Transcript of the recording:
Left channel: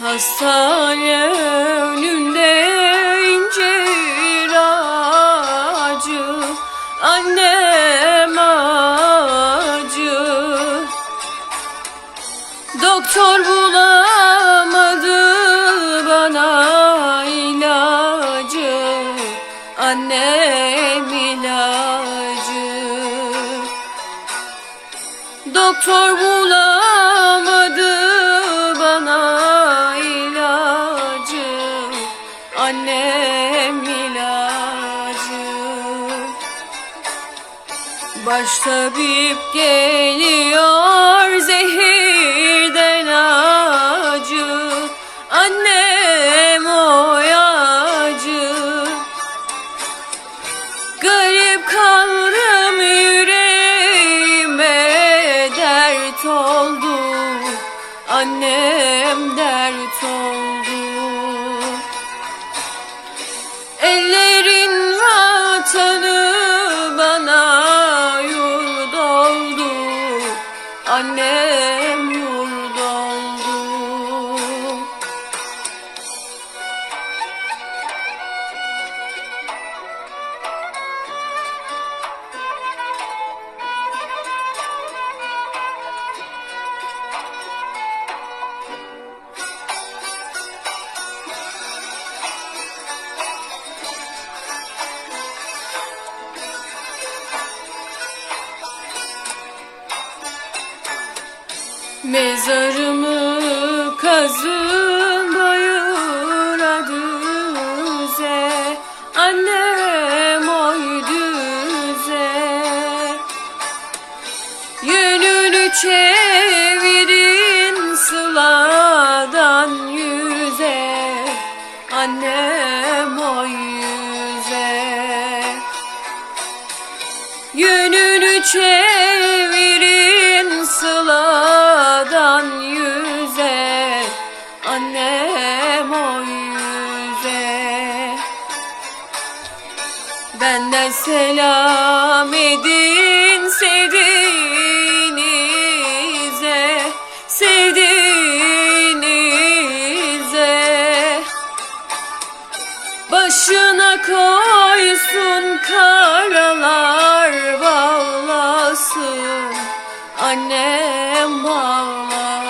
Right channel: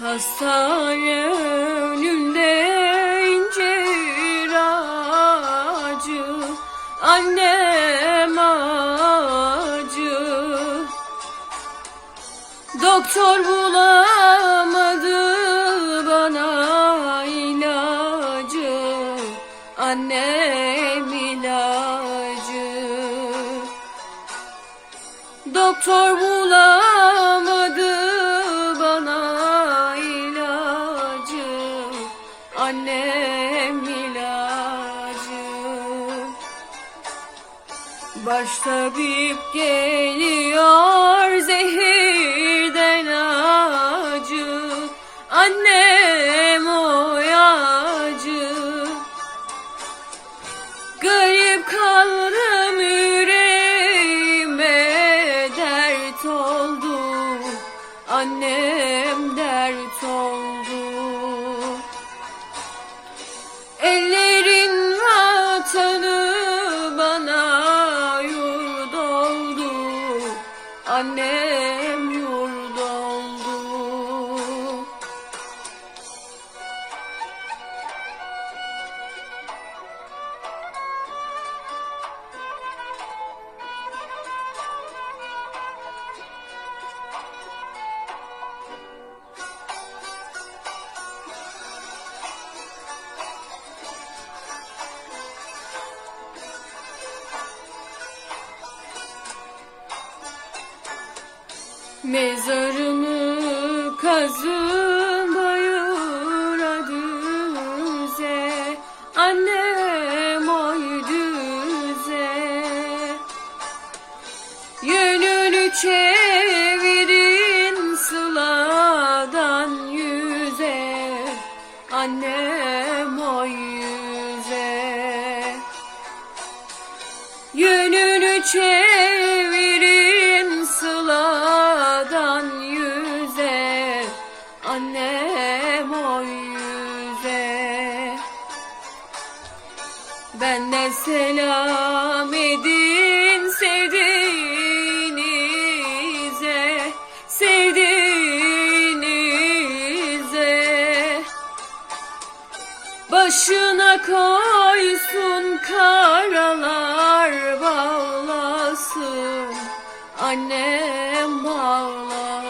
Hastane önünde incir ağacı Annem acı Doktor bulamadı bana ilacı Annem ilacı. Doktor bulamadı Baş tabip geliyor zehirden acı. Annem oyacı Garip kaldım yüreğime dert oldu. Annem dert oldu Annem yurt Mezarımı kazın bayıra düze. Annem oy düze. Yönünü çevirin sıladan yüze. Annem oy yüze. Yönünü çevirin Annem o yüze. Benden selam edin sevdiğinize Sevdiğinize. Başına koysun karalar bağlasın Annem bağlasın